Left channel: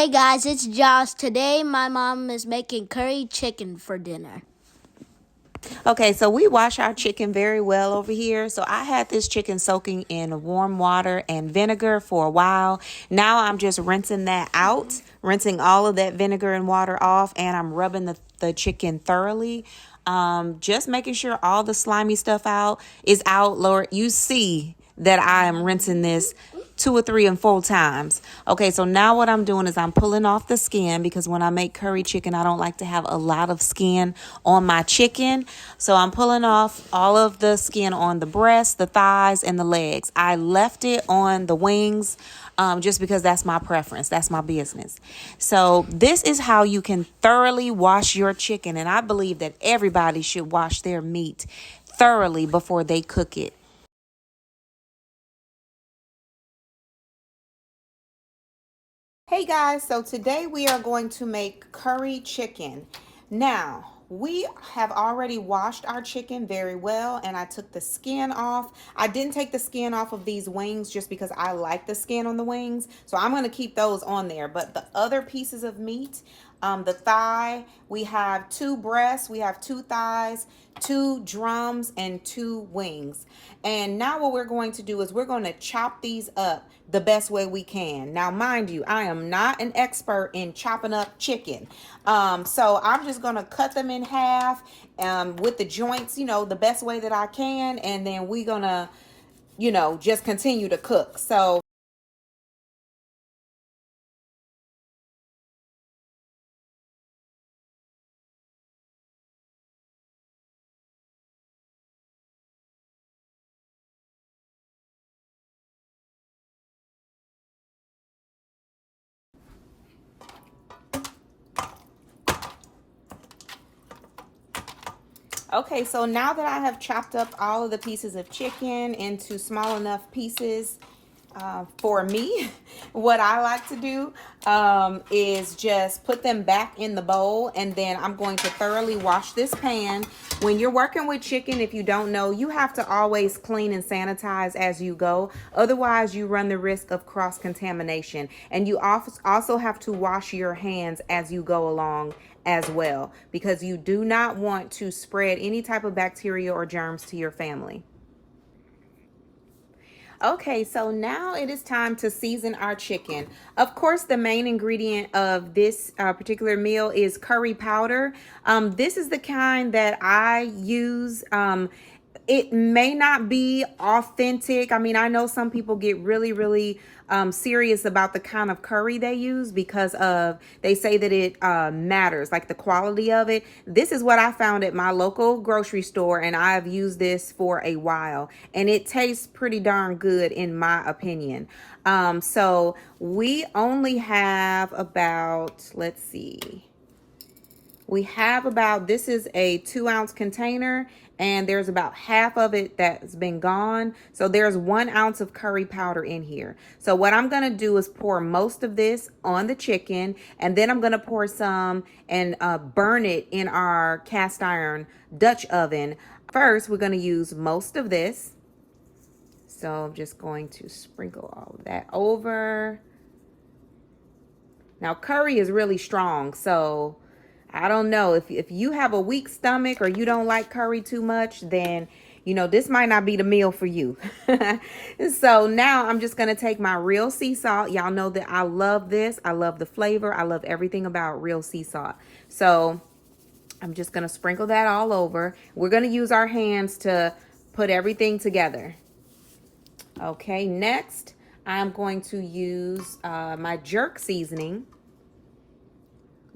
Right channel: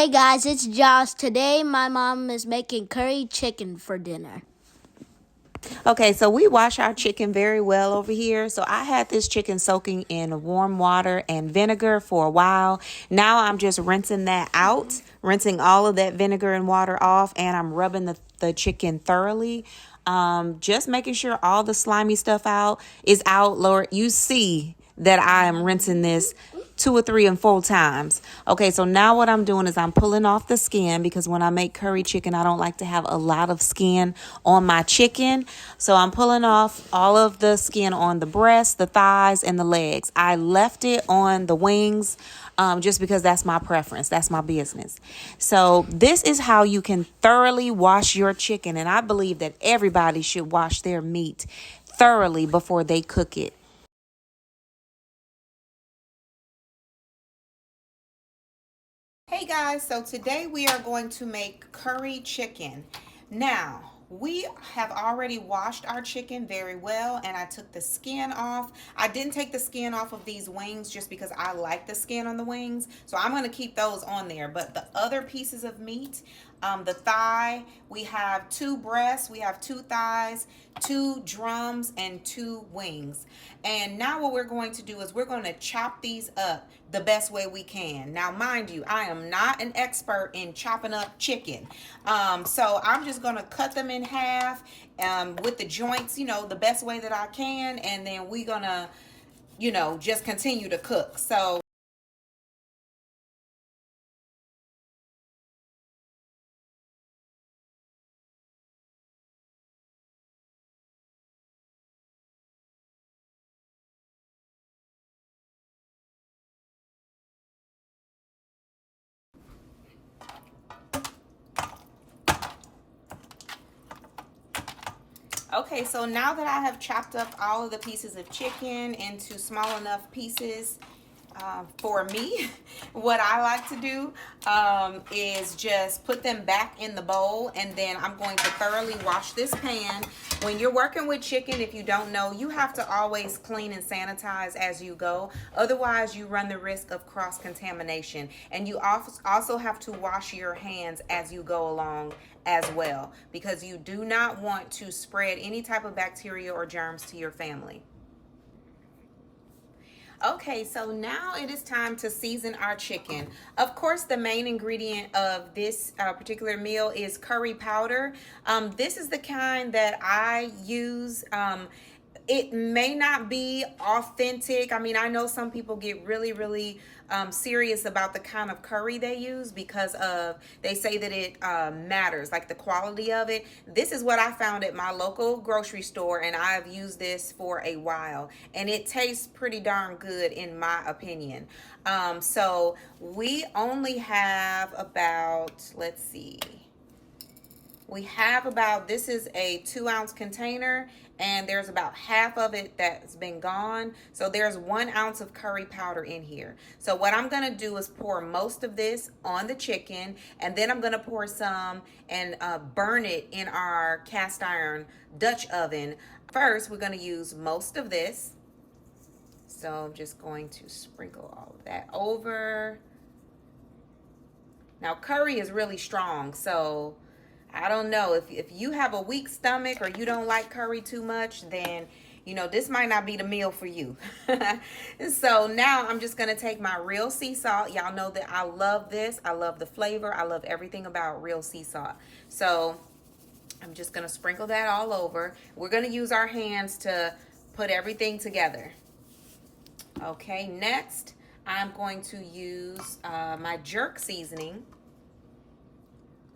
Hey guys, it's Josh. Today my mom is making curry chicken for dinner. Okay, so we wash our chicken very well over here. So I had this chicken soaking in warm water and vinegar for a while. Now I'm just rinsing that out, rinsing all of that vinegar and water off, and I'm rubbing the chicken thoroughly. Just making sure all the slimy stuff is out. Lord, you see that I am rinsing this 2 or 3 and 4 times. Okay, so now what I'm doing is I'm pulling off the skin because when I make curry chicken, I don't like to have a lot of skin on my chicken. So I'm pulling off all of the skin on the breast, the thighs, and the legs. I left it on the wings just because that's my preference. That's my business. So this is how you can thoroughly wash your chicken. And I believe that everybody should wash their meat thoroughly before they cook it. Hey guys, so today we are going to make curry chicken. Now, we have already washed our chicken very well and I took the skin off. I didn't take the skin off of these wings just because I like the skin on the wings. So I'm going to keep those on there. But the other pieces of meat, the thigh, we have 2 breasts, we have 2 thighs, 2 drums, and 2 wings. And now what we're going to do is we're going to chop these up the best way we can. Now, mind you, I am not an expert in chopping up chicken. So I'm just going to cut them in half with the joints, the best way that I can. And then we're going to, just continue to cook. So okay, so now that I have chopped up all of the pieces of chicken into small enough pieces for me, what I like to do is just put them back in the bowl, and then I'm going to thoroughly wash this pan. When you're working with chicken, if you don't know, you have to always clean and sanitize as you go. Otherwise, you run the risk of cross-contamination. And you also have to wash your hands as you go along as well, because you do not want to spread any type of bacteria or germs to your family. Okay, so now it is time to season our chicken. Of course, the main ingredient of this particular meal is curry powder. This is the kind that I use. It may not be authentic. I mean, I know some people get really serious about the kind of curry they use because they say that it matters, like the quality of it. This is what I found at my local grocery store, and I've used this for a while, and it tastes pretty darn good in my opinion. So we only have about, let's see, we have about, this is a 2-ounce container, and there's about half of it that's been gone. So there's 1 ounce of curry powder in here. So what I'm gonna do is pour most of this on the chicken, and then I'm gonna pour some and burn it in our cast iron Dutch oven. First, we're gonna use most of this. So I'm just going to sprinkle all of that over. Now curry is really strong, so I don't know, if you have a weak stomach or you don't like curry too much, then this might not be the meal for you. So now I'm just gonna take my real sea salt. Y'all know that I love this. I love the flavor. I love everything about real sea salt. So I'm just gonna sprinkle that all over. We're gonna use our hands to put everything together. Okay, next I'm going to use my jerk seasoning.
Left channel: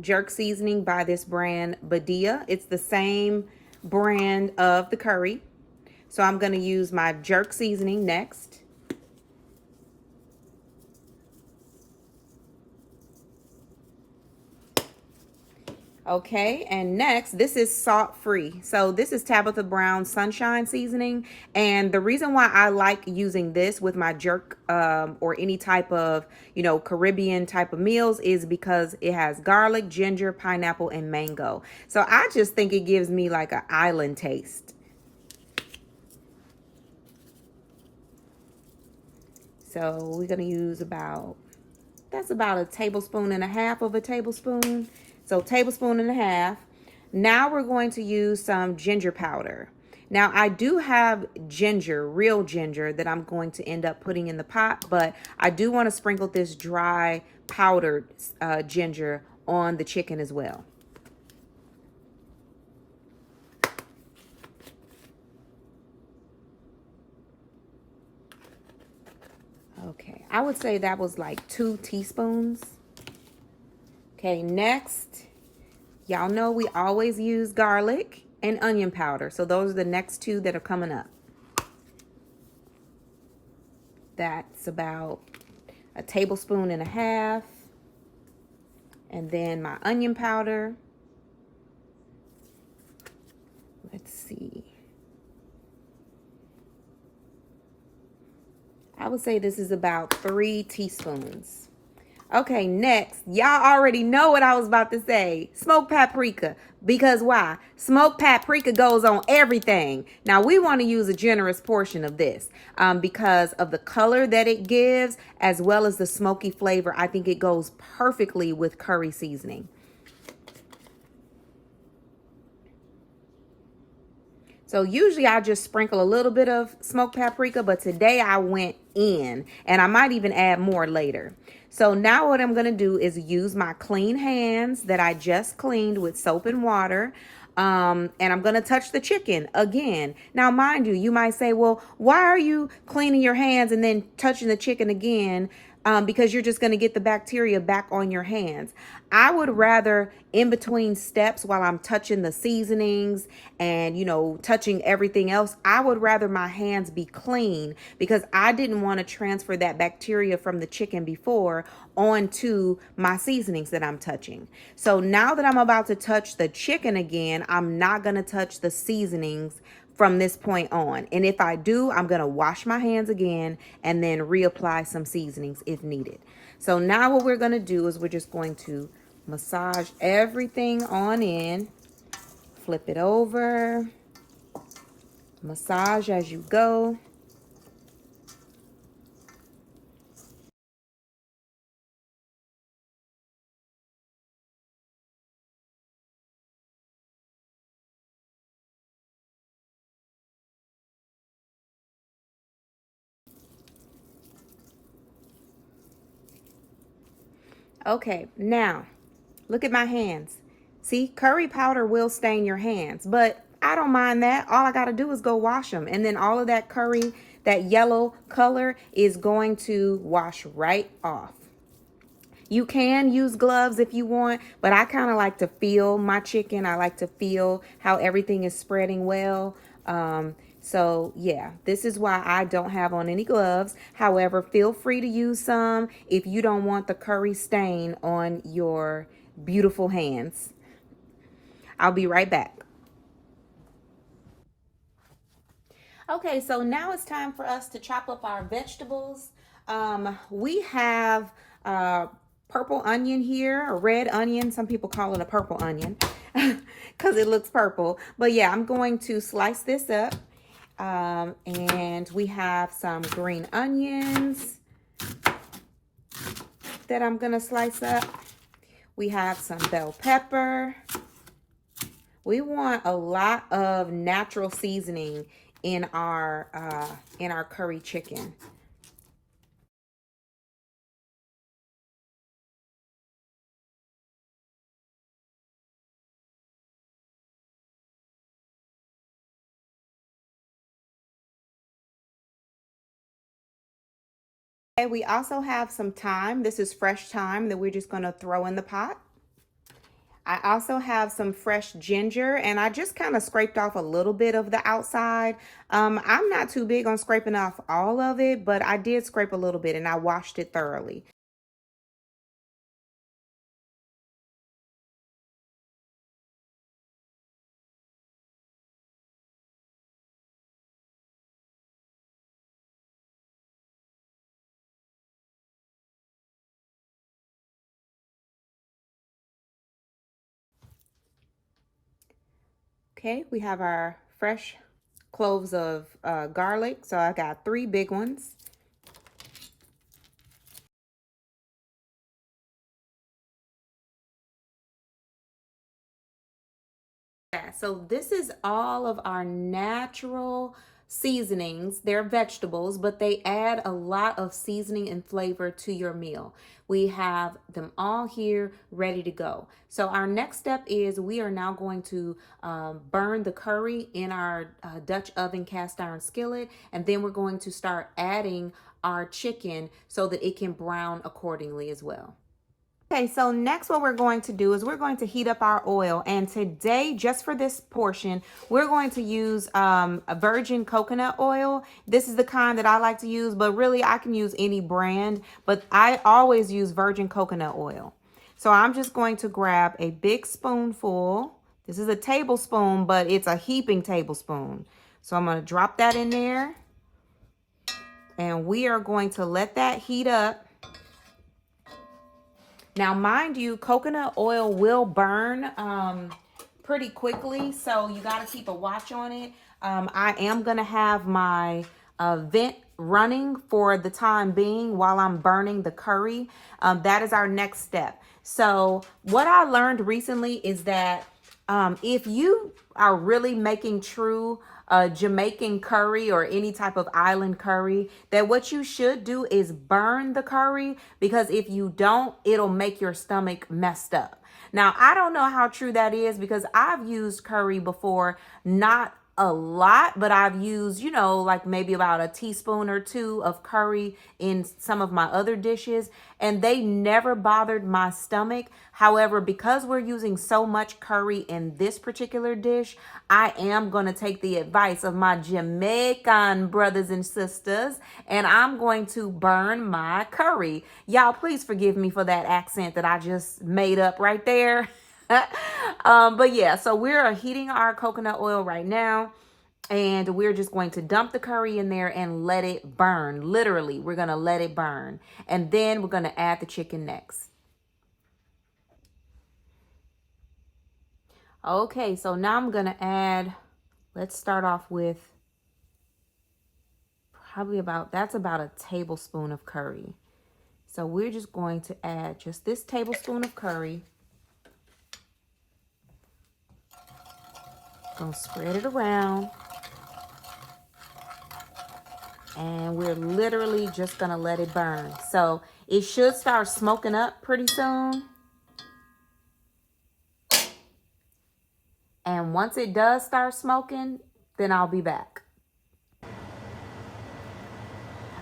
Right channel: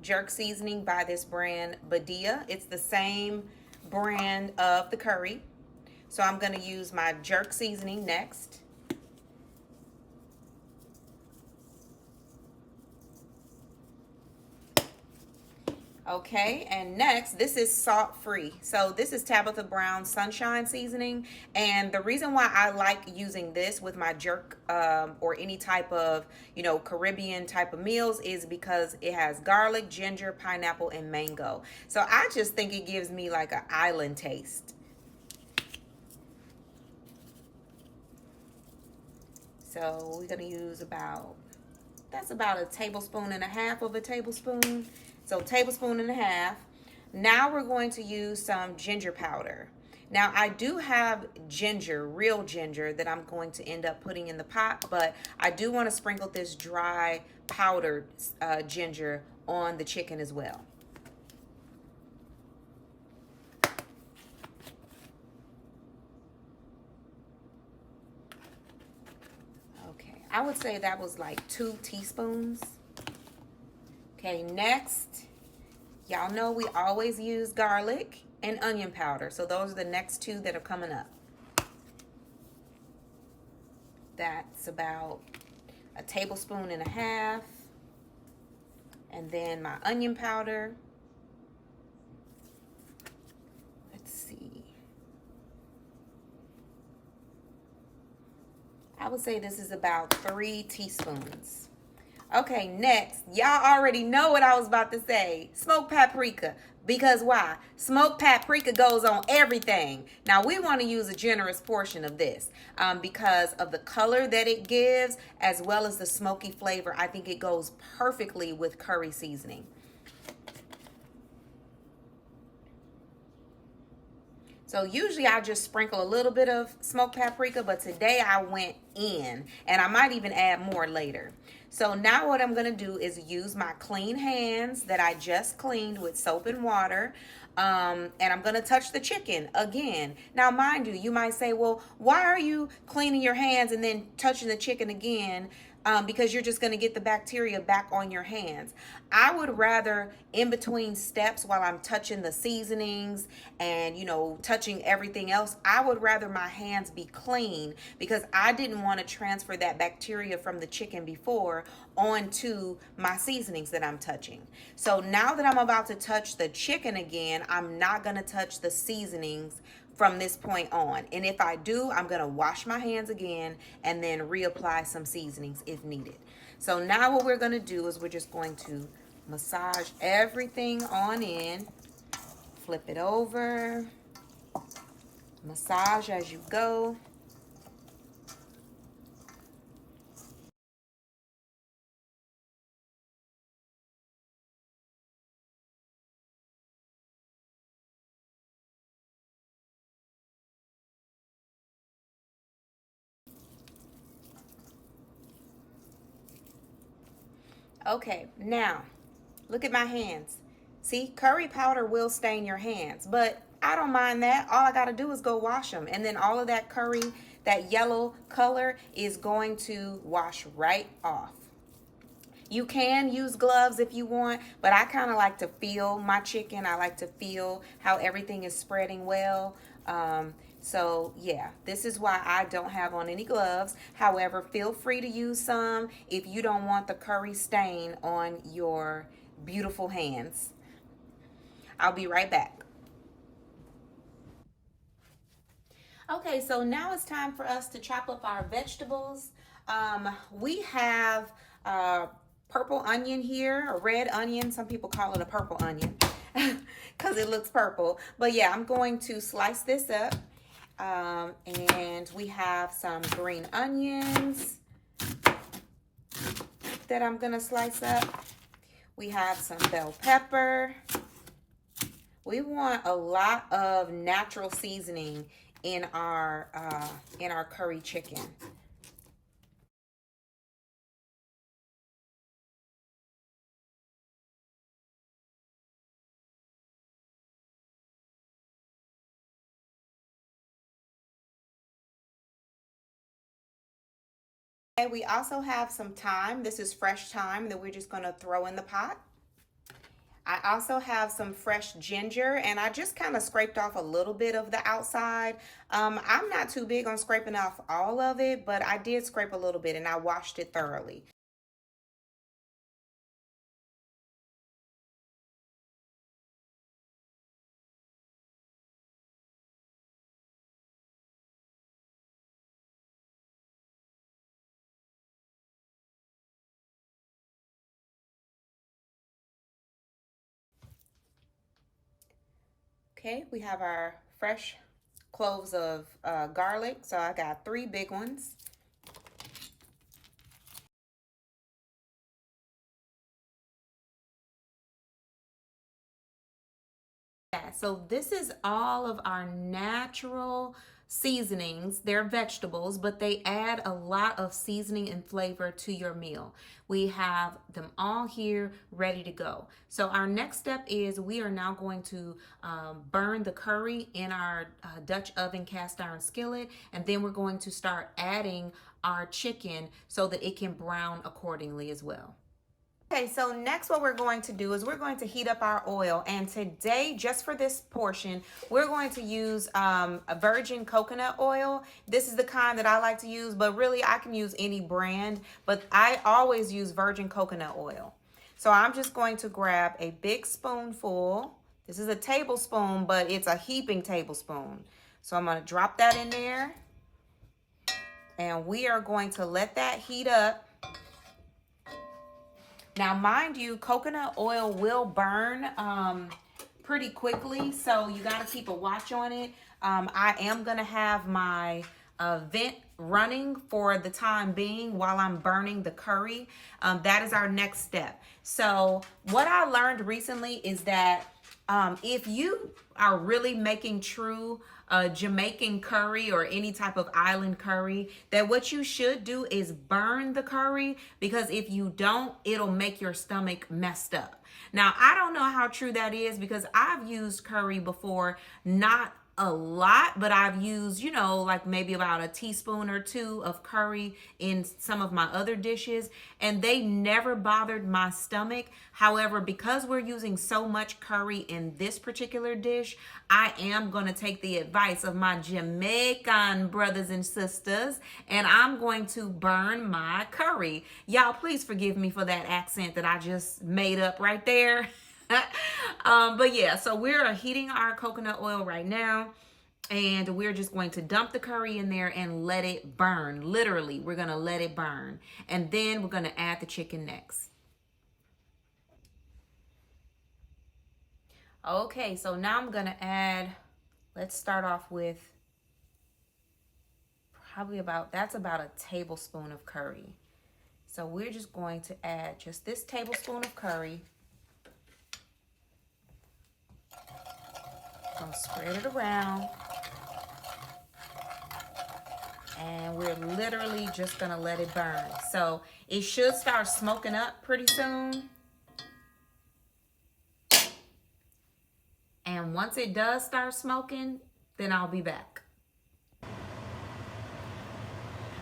Jerk seasoning by this brand Badia. It's the same brand of the curry. So I'm going to use my jerk seasoning next. Okay, and next, this is salt-free. So this is Tabitha Brown Sunshine Seasoning. And the reason why I like using this with my jerk or any type of, Caribbean type of meals is because it has garlic, ginger, pineapple, and mango. So I just think it gives me like an island taste. So we're going to use about that's about a tablespoon and a half of a tablespoon. So tablespoon and a half. Now we're going to use some ginger powder. Now I do have ginger, real ginger, that I'm going to end up putting in the pot, but I do want to sprinkle this dry powdered ginger on the chicken as well. Okay, I would say that was like 2 teaspoons. Okay, next, y'all know we always use garlic and onion powder. So those are the next 2 that are coming up. That's about a tablespoon and a half. And then my onion powder. Let's see. I would say this is about 3 teaspoons. Okay, next, y'all already know what I was about to say. Smoked paprika. Because why? Smoked paprika goes on everything. Now, we want to use a generous portion of this because of the color that it gives, as well as the smoky flavor. I think it goes perfectly with curry seasoning. So usually I just sprinkle a little bit of smoked paprika, but today I went in, and I might even add more later. So now what I'm gonna do is use my clean hands that I just cleaned with soap and water. And I'm gonna touch the chicken again. Now, mind you, you might say, well, why are you cleaning your hands and then touching the chicken again? Because you're just going to get the bacteria back on your hands. I would rather, in between steps while I'm touching the seasonings and, you know, touching everything else, I would rather my hands be clean because I didn't want to transfer that bacteria from the chicken before onto my seasonings that I'm touching. So now that I'm about to touch the chicken again, I'm not going to touch the seasonings from this point on. And if I do, I'm going to wash my hands again and then reapply some seasonings if needed. So now what we're going to do is we're just going to massage everything on in, flip it over, massage as you go. Okay, now look at my hands. See, curry powder will stain your hands, but I don't mind that. All I got to do is go wash them. And then all of that curry, that yellow color is going to wash right off. You can use gloves if you want, but I kind of like to feel my chicken. I like to feel how everything is spreading well. So yeah, this is why I don't have on any gloves. However, feel free to use some if you don't want the curry stain on your beautiful hands. I'll be right back. Okay, so now it's time for us to chop up our vegetables. We have purple onion here, a red onion. Some people call it a purple onion because it looks purple. But yeah, I'm going to slice this up. And we have some green onions that I'm going to slice up. We have some bell pepper. We want a lot of natural seasoning in our curry chicken. Okay, we also have some thyme. This is fresh thyme that we're just going to throw in the pot. I also have some fresh ginger, and I just kind of scraped off a little bit of the outside. I'm not too big on scraping off all of it, but I did scrape a little bit, and I washed it thoroughly. Okay, we have our fresh cloves of garlic. So I got 3 big ones. Yeah, so this is all of our natural seasonings. They're vegetables, but they add a lot of seasoning and flavor to your meal. We have them all here ready to go. So our next step is we are now going to burn the curry in our Dutch oven cast iron skillet, and then we're going to start adding our chicken so that it can brown accordingly as well. Okay, so next what we're going to do is we're going to heat up our oil, and today, just for this portion, we're going to use a virgin coconut oil. This is the kind that I like to use, but really I can use any brand, but I always use virgin coconut oil. So I'm just going to grab a big spoonful. This is a tablespoon, but it's a heaping tablespoon. So I'm going to drop that in there, and we are going to let that heat up. Now, mind you, coconut oil will burn pretty quickly, so you got to keep a watch on it. I am going to have my vent running for the time being while I'm burning the curry. That is our next step. So what I learned recently is that if you are really making true Jamaican curry or any type of island curry, that what you should do is burn the curry, because if you don't, it'll make your stomach messed up. Now, I don't know how true that is, because I've used curry before, not a lot, but I've used, you know, like maybe about a teaspoon or two of curry in some of my other dishes, and they never bothered my stomach. However, because we're using so much curry in this particular dish, I am going to take the advice of my Jamaican brothers and sisters, and I'm going to burn my curry. Y'all, please forgive me for that accent that I just made up right there. But yeah, so we're heating our coconut oil right now, and we're just going to dump the curry in there and let it burn. Literally, we're going to let it burn, and then we're going to add the chicken next. Okay, so now I'm going to add, let's start off with that's about a tablespoon of curry. So we're just going to add just this tablespoon of curry. And spread it around, and we're literally just gonna let it burn. So it should start smoking up pretty soon, and once it does start smoking, then I'll be back.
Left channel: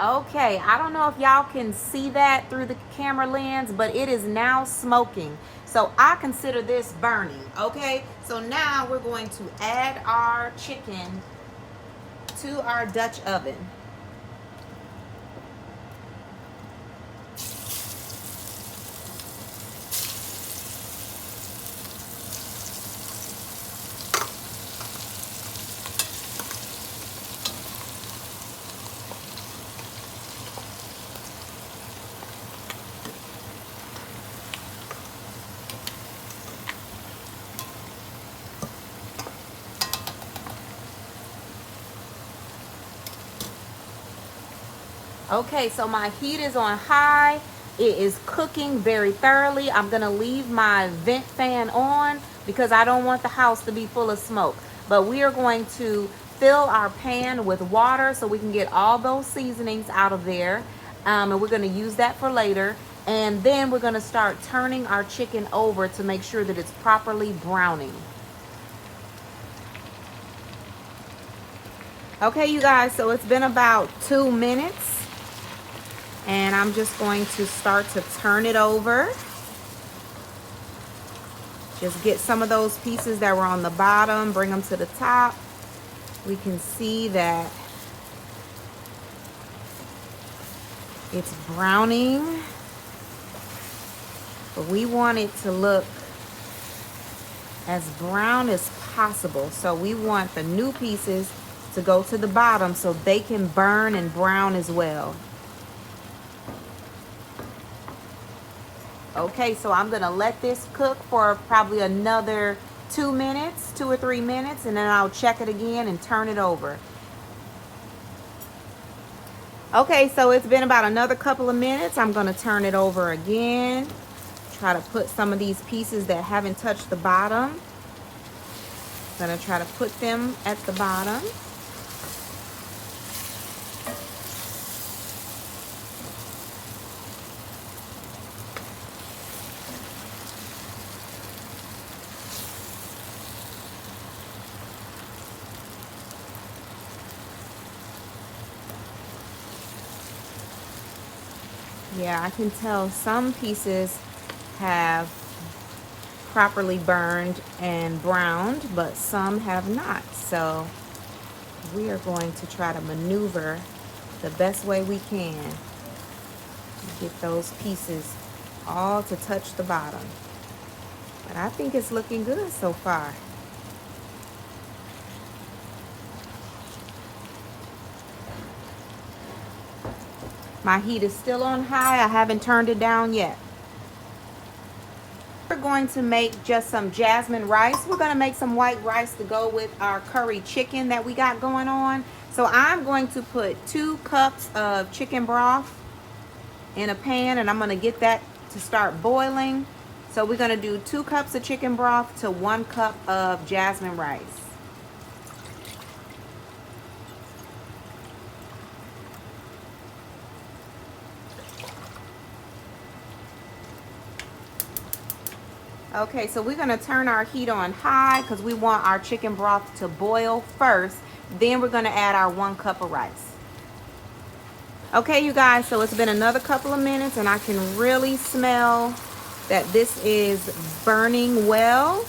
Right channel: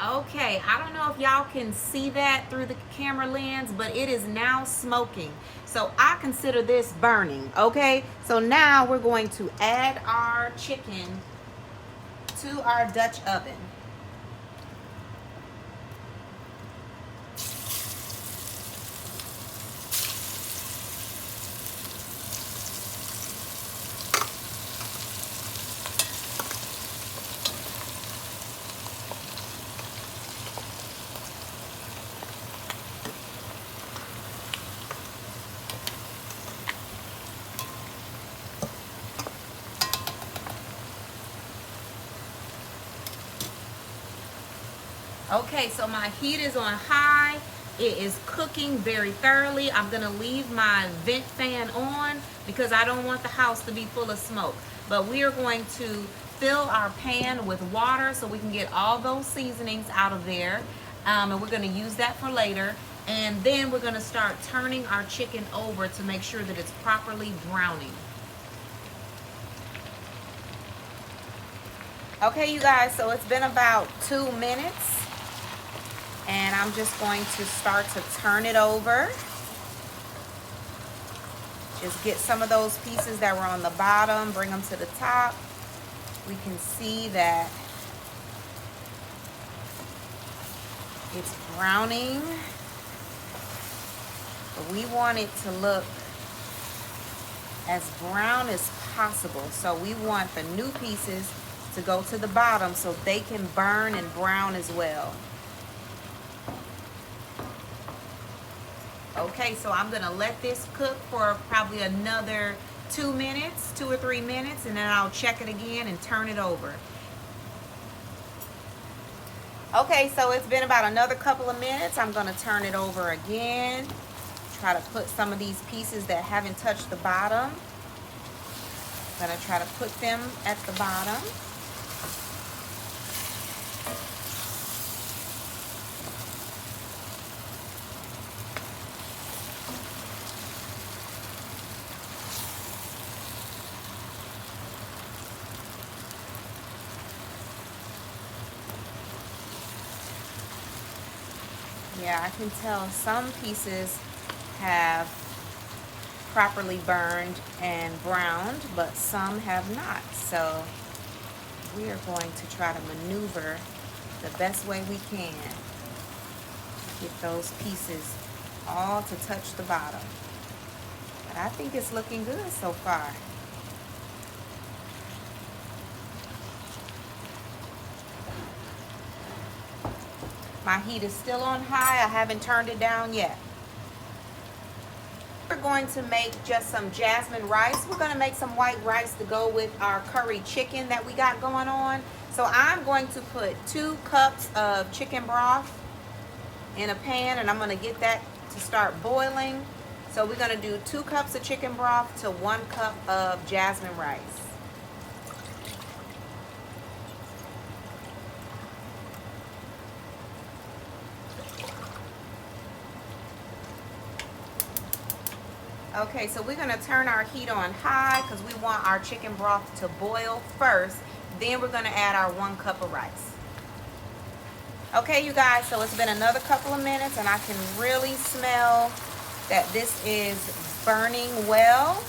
Okay, I don't know if y'all can see that through the camera lens, but it is now smoking. So I consider this burning, okay? So now we're going to add our chicken to our Dutch oven. Okay, so my heat is on high. It is cooking very thoroughly. I'm gonna leave my vent fan on because I don't want the house to be full of smoke. But we are going to fill our pan with water so we can get all those seasonings out of there. And we're gonna use that for later. And then we're gonna start turning our chicken over to make sure that it's properly browning. Okay, you guys, so it's been about 2 minutes. And I'm just going to start to turn it over. Just get some of those pieces that were on the bottom, bring them to the top. We can see that it's browning. But we want it to look as brown as possible. So we want the new pieces to go to the bottom so they can burn and brown as well. Okay, so I'm gonna let this cook for probably another 2 minutes, 2 or 3 minutes, and then I'll check it again and turn it over. Okay, so it's been about another couple of minutes. I'm gonna turn it over again. Try to put some of these pieces that haven't touched the bottom. going to try to put them at the bottom. Yeah, I can tell some pieces have properly burned and browned, but some have not. So we are going to try to maneuver the best way we can to get those pieces all to touch the bottom. But I think it's looking good so far. My heat is still on high. I haven't turned it down yet. We're going to make just some jasmine rice. We're going to make some white rice to go with our curry chicken that we got going on. So I'm going to put 2 cups of chicken broth in a pan, and I'm going to get that to start boiling. So we're going to do 2 cups of chicken broth to 1 cup of jasmine rice. Okay, so we're going to turn our heat on high because we want our chicken broth to boil first. Then we're going to add our 1 cup of rice. Okay, you guys, so it's been another couple of minutes and I can really smell that this is burning well.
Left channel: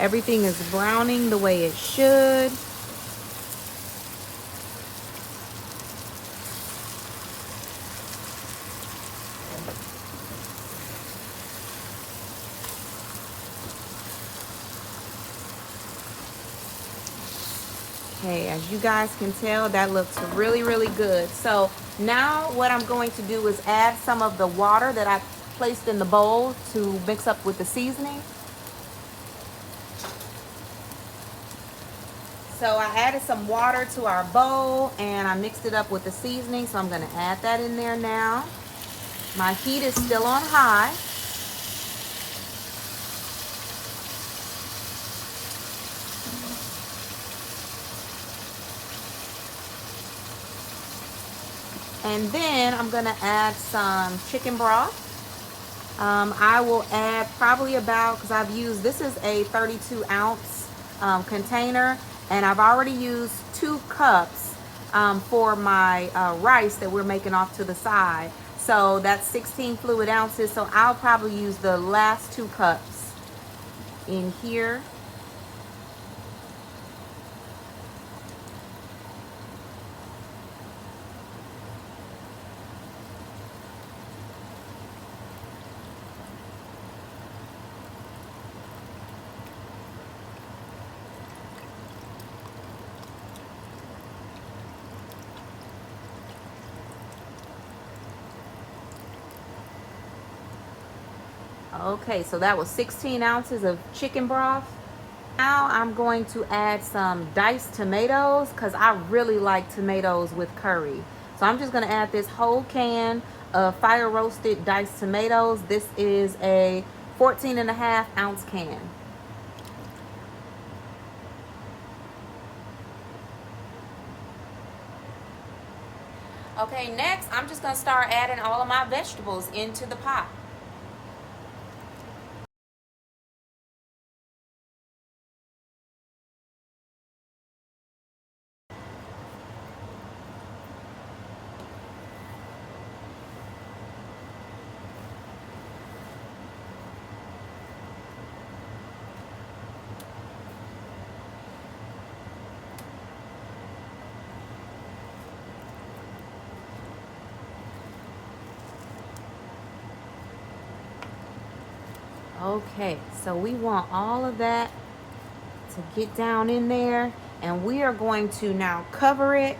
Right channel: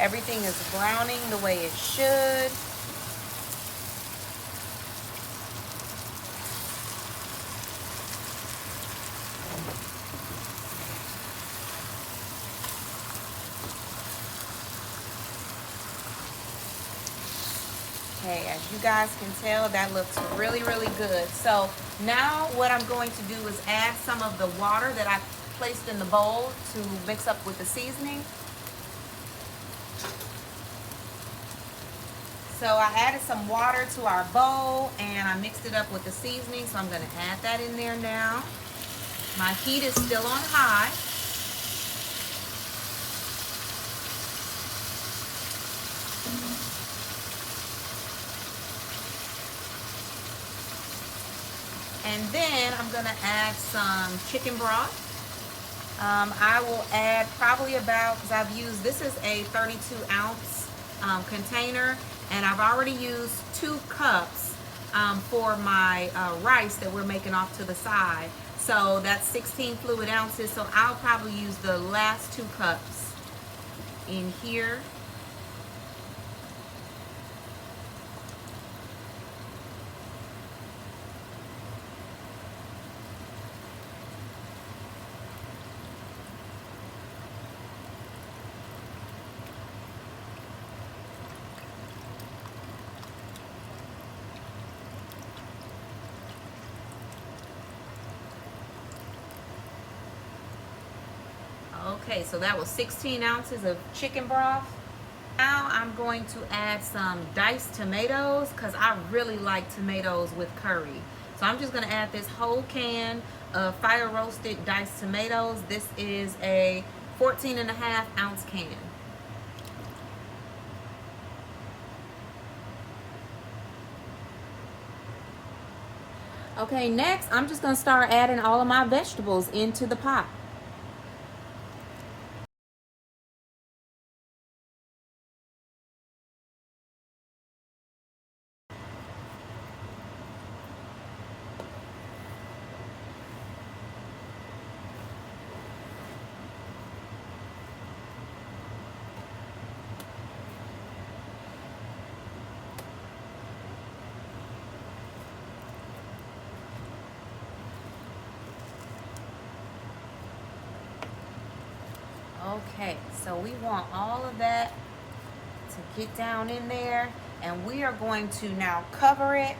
Everything is browning the way it should. Okay, as you guys can tell, that looks really, really good. So now what I'm going to do is add some of the water that I placed in the bowl to mix up with the seasoning. So I added some water to our bowl and I mixed it up with the seasoning. So I'm going to add that in there now. My heat is still on high. And then I'm going to add some chicken broth. I will add probably about, because I've used, this is a 32 ounce container, and I've already used 2 cups for my rice that we're making off to the side. So that's 16 fluid ounces. So I'll probably use the last 2 cups in here. Okay, so that was 16 ounces of chicken broth. Now I'm going to add some diced tomatoes because I really like tomatoes with curry. So I'm just going to add this whole can of fire roasted diced tomatoes. This is a 14.5 ounce can. Okay, next I'm just going to start adding all of my vegetables into the pot. Okay, so we want all of that to get down in there, and we are going to now cover it,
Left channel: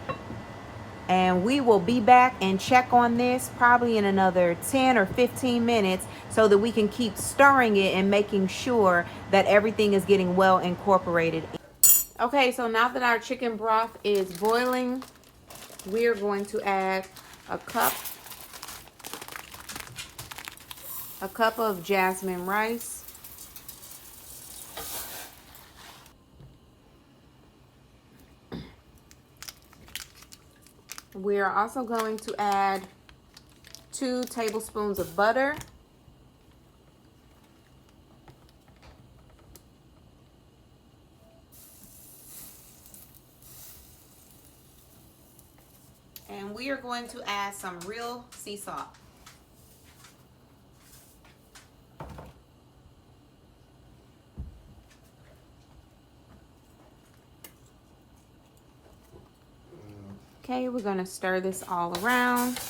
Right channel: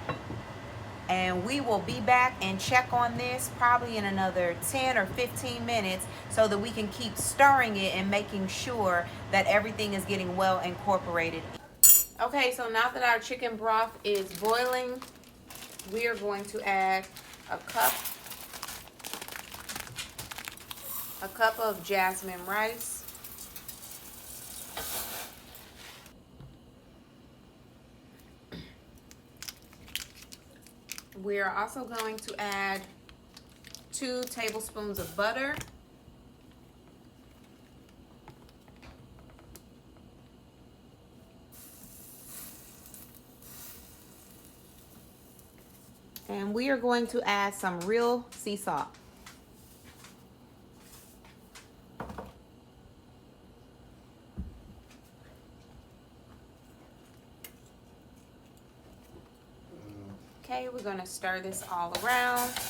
and we will be back and check on this probably in another 10 or 15 minutes so that we can keep stirring it and making sure that everything is getting well incorporated. Okay, so now that our chicken broth is boiling, we are going to add a cup of jasmine rice. we are also going to add 2 tablespoons of butter. And we are going to add some real sea salt. Okay, we're going to stir this all around,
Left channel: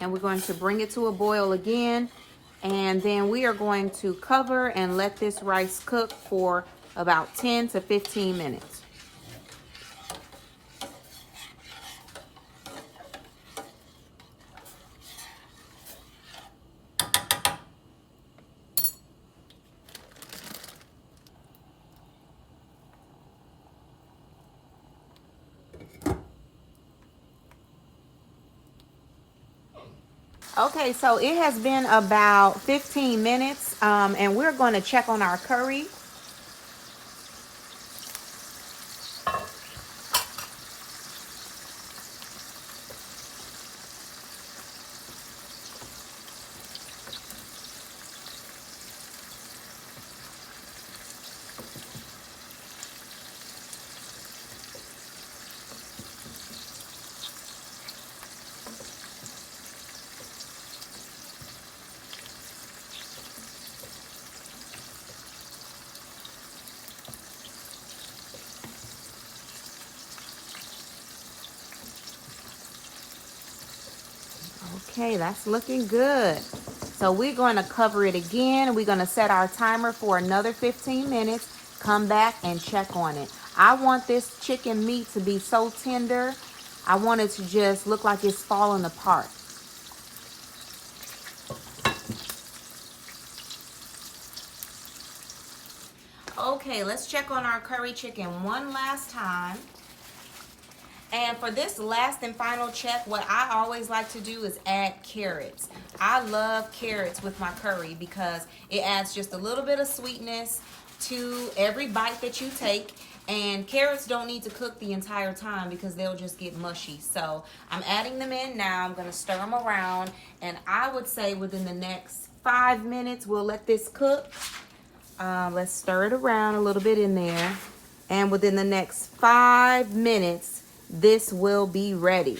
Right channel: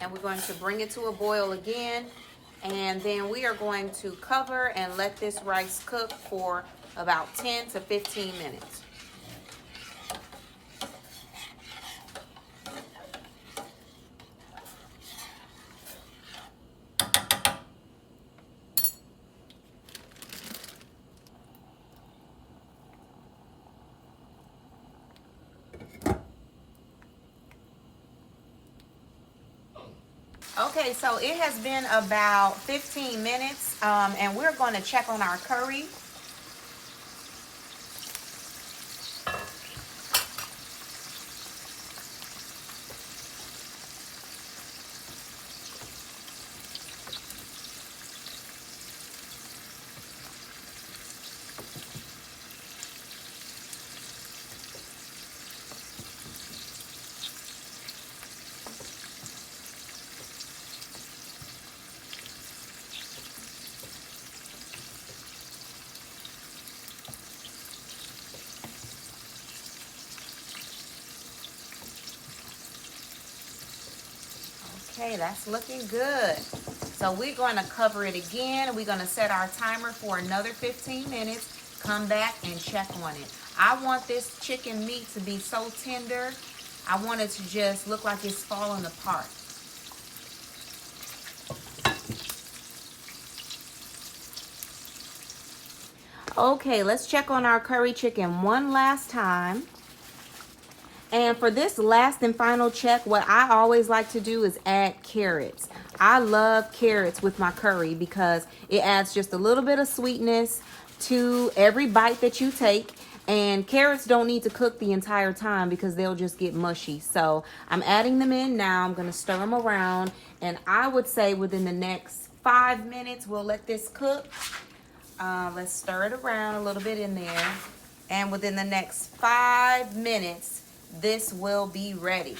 and we're going to bring it to a boil again, and then we are going to cover and let this rice cook for about 10 to 15 minutes. Okay, so it has been about 15 minutes, and we're going to check on our curry. Okay, that's looking good. So we're going to cover it again. We're going to set our timer for another 15 minutes. Come back and check on it. I want this chicken meat to be so tender. I want it to just look like it's falling apart. Okay, let's check on our curry chicken one last time. And for this last and final check, what I always like to do is add carrots. I love carrots with my curry because it adds just a little bit of sweetness to every bite that you take. And carrots don't need to cook the entire time because they'll just get mushy. So I'm adding them in now. I'm going to stir them around. And I would say within the next 5 minutes, we'll let this cook. Let's stir it around a little bit in there. And within the next 5 minutes, this will be ready.